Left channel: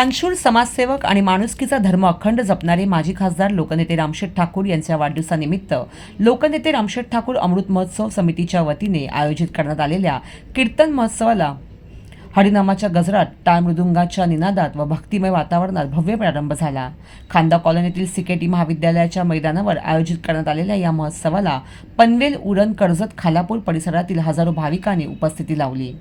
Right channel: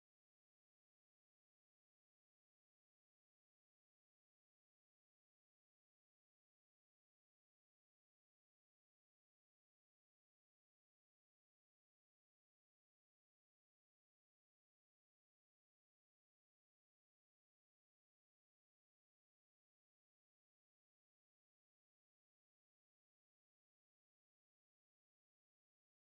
दानशूर समाजसेवक आणि माणुसकीचा धर्म अखंड जपणारे माजी खासदार लोकनेते रामशेठ ठाकूर यांच्या वाढदिवसानिमित्त लोकनेते रामशेठ ठाकूर अमृत महोत्सव समितीच्या वतीने आयोजित करण्यात आलेल्या कीर्तन महोत्सवाला हरिनामाच्या गजरात टाळ मृदुंगाच्या निनादात व भक्तिमय वातावरणात भव्य प्रारंभ झाला. खांदा कॉलनीतील सिकेटी महाविद्यालयाच्या मैदानावर आयोजित करण्यात आलेल्या या महोत्सवाला पनवेल उरण कर्जत खालापूर परिसरातील हजारो भाविकांनी उपस्थिती लावली.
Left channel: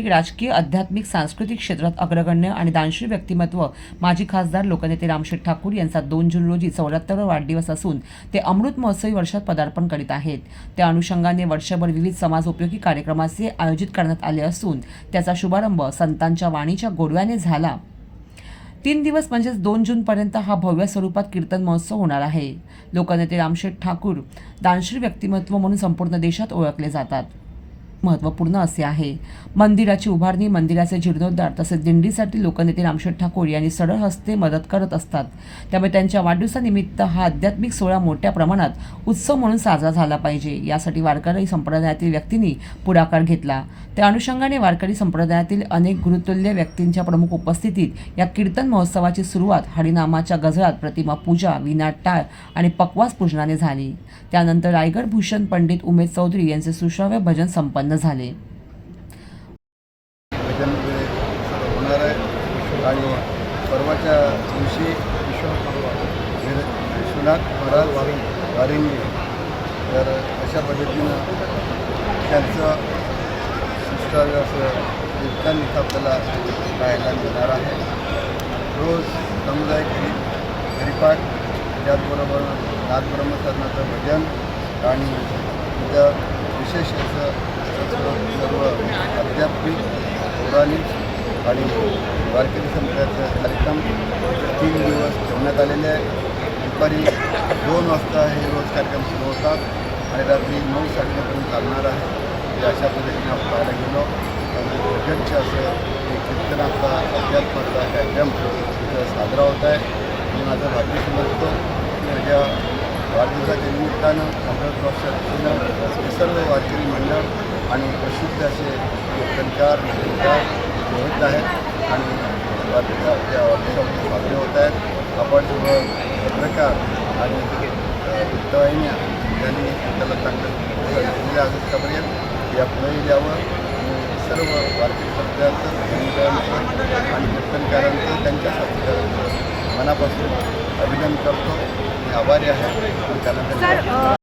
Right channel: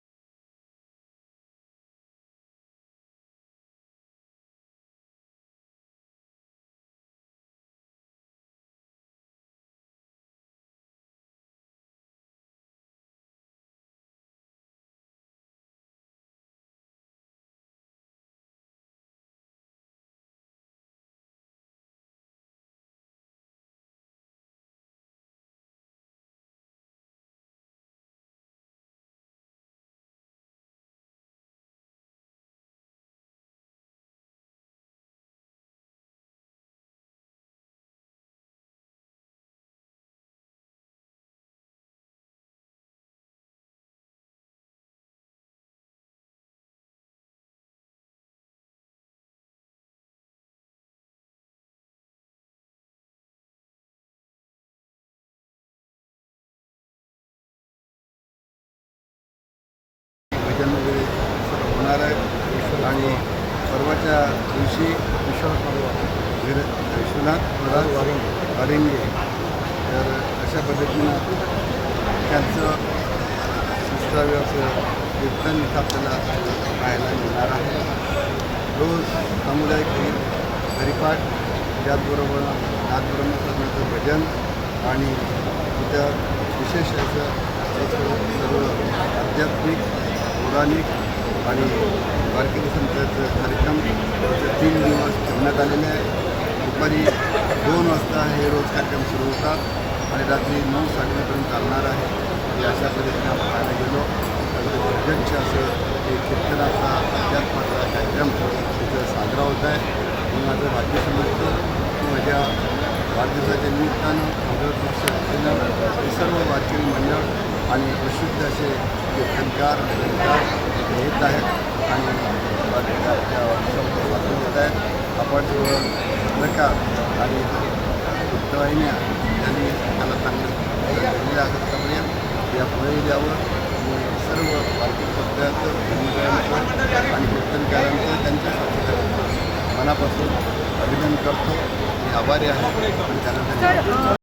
राजकीय आध्यात्मिक सांस्कृतिक क्षेत्रात अग्रगण्य आणि दानश्री व्यक्तिमत्व माजी खासदार लोकनेते रामशेठ ठाकूर यांचा दोन जून रोजी चौऱ्याहत्तरावा वाढदिवस असून ते अमृत महोत्सवी वर्षात पदार्पण करीत आहेत. त्या अनुषंगाने वर्षभर विविध समाजोपयोगी कार्यक्रमाचे आयोजित करण्यात आले असून त्याचा शुभारंभ संतांच्या वाणीच्या गोडव्याने झाला. तीन दिवस म्हणजेच दोन जूनपर्यंत हा भव्य स्वरूपात कीर्तन महोत्सव होणार आहे. लोकनेते रामशेठ ठाकूर दानश्री व्यक्तिमत्व म्हणून संपूर्ण देशात ओळखले जातात. महत्त्वपूर्ण असे आहे. मंदिराची उभारणी मंदिराचे जीर्णोद्धार तसेच दिंडीसाठी लोकनेते रामशेठ ठाकूर यांनी सरळ हस्ते मदत करत असतात. त्यामुळे त्यांच्या वाढदिवसानिमित्त हा आध्यात्मिक सोहळा मोठ्या प्रमाणात उत्सव म्हणून साजरा झाला पाहिजे. यासाठी वारकरी संप्रदायातील व्यक्तींनी पुढाकार घेतला. त्या अनुषंगाने वारकरी संप्रदायातील अनेक गुरुतुल्य व्यक्तींच्या प्रमुख उपस्थितीत या कीर्तन महोत्सवाची सुरुवात हरिनामाच्या गजरात प्रतिमा पूजा विनाट टाळ आणि पकवास पूजनाने झाली. त्यानंतर रायगड भूषण पंडित उमेद चौधरी यांचे सुश्राव्य भजन संपन्न झाले. भजन वगैरे होणार आहे. आणि परवाच्या दिवशी विर- विश्वनाथ महाराज वारिंगे. तर अशा पद्धतीनं त्यांचं सुश्राव्य असं कीर्तन इथं आपल्याला पाहायला मिळणार आहे. रोज सामुदायिक हरी हरिपाठ त्याचबरोबर नाथब्रह्मसाधनाचं भजन आणि इथं विशेष असं सर्व आध्यात्मिक पौराणिक आणि वारकरी संप्रदायाचं कार्यक्रम तीन दिवस ठेवण्यात आलेले आहे. दुपारी दोन वाजता हे रोज कार्यक्रम सुरू होतात आणि रात्री नऊ साडेनऊपर्यंत चालणार आहे. हे अशा पद्धतीने आपण पाहायला गेलो. आणि भजनचे असं हे कीर्तनाचा अध्यात्माचा कार्यक्रम इथं साजरा होत आहे. मी माझं भाग्य समजतो. की माझ्या वाढदिवसाच्या निमित्तानं अमृत हे सर्व वारकरी मंडळ आणि प्रसिद्ध असे कीर्तनकार भजनकार येत आहेत आणि आपल्या वाढदिवसामध्ये साजरे होत आहेत. आपण पत्रकार आणि वृत्तवाहिन्या यांनी त्याला चांगलं दिलेलं आहे आतापर्यंत या पुढे द्यावं. सर्व वारकरी संप्रदायाचं मंडळांचं आणि कीर्तनकारांचं त्यांच्या साथीदारांचं मनापासून अभिनंदन करतो. आभारी आहे. त्यानंतर